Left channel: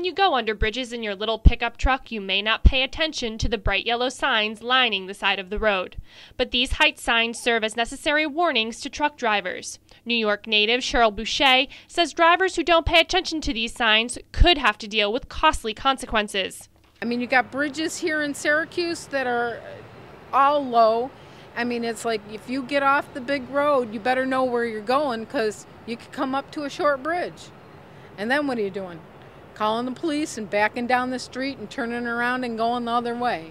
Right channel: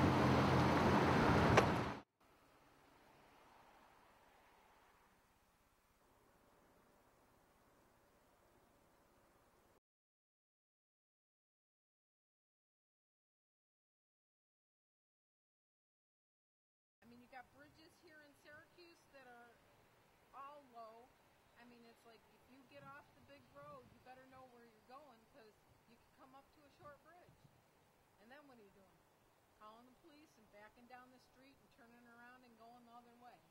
When you go under bridges in your little pickup truck, you may not pay attention to the bright yellow signs lining the side of the road. But these height signs serve as necessary warnings to truck drivers. New York native Cheryl Boucher says drivers who don't pay attention to these signs could have to deal with costly consequences. I mean, you got bridges here in Syracuse that are all low. I mean, it's like if you get off the big road, you better know where you're going because you could come up to a short bridge. And then what are you doing? Calling the police and backing down the street and turning around and going the other way.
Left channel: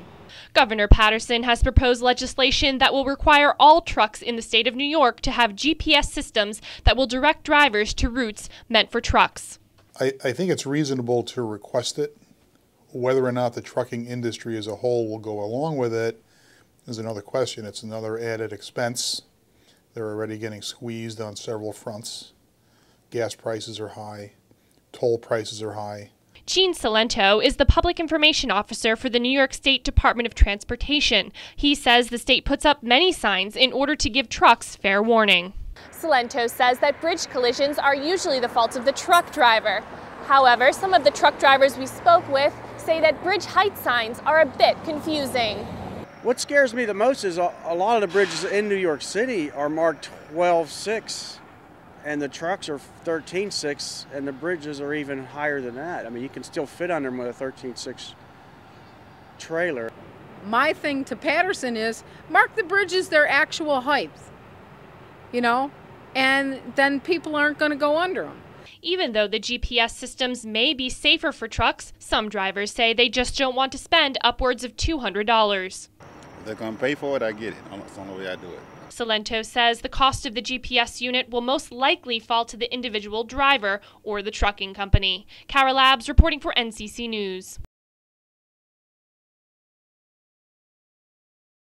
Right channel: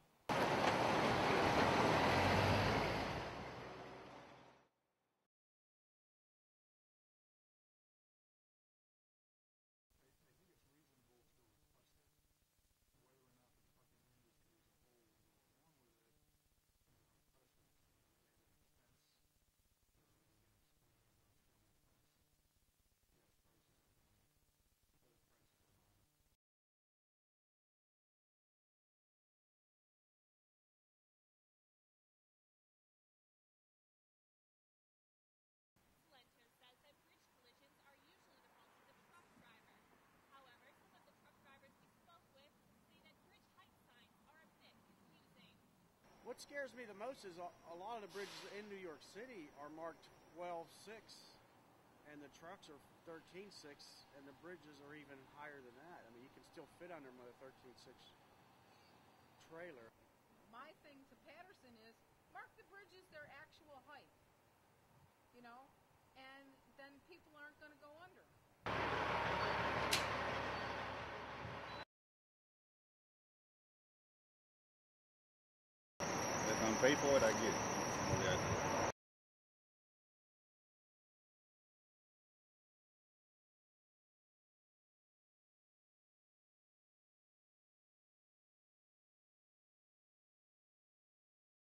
Governor Paterson has proposed legislation that will require all trucks in the state of New York to have GPS systems that will direct drivers to routes meant for trucks. I think it's reasonable to request it. Whether or not the trucking industry as a whole will go along with it is another question. It's another added expense. They're already getting squeezed on several fronts. Gas prices are high. Toll prices are high. Gene Salento is the public information officer for the New York State Department of Transportation. He says the state puts up many signs in order to give trucks fair warning. Salento says that bridge collisions are usually the fault of the truck driver. However, some of the truck drivers we spoke with say that bridge height signs are a bit confusing. What scares me the most is a lot of the bridges in New York City are marked 12.6. And the trucks are 13.6, and the bridges are even higher than that. I mean, you can still fit under them with a 13.6 trailer. My thing to Paterson is mark the bridges their actual height, you know, and then people aren't going to go under them. Even though the GPS systems may be safer for trucks, some drivers say they just don't want to spend upwards of $200. They're going to pay for it, I get it. That's the only way I do it. Salento says the cost of the GPS unit will most likely fall to the individual driver or the trucking company. Cara Labs reporting for NCC News.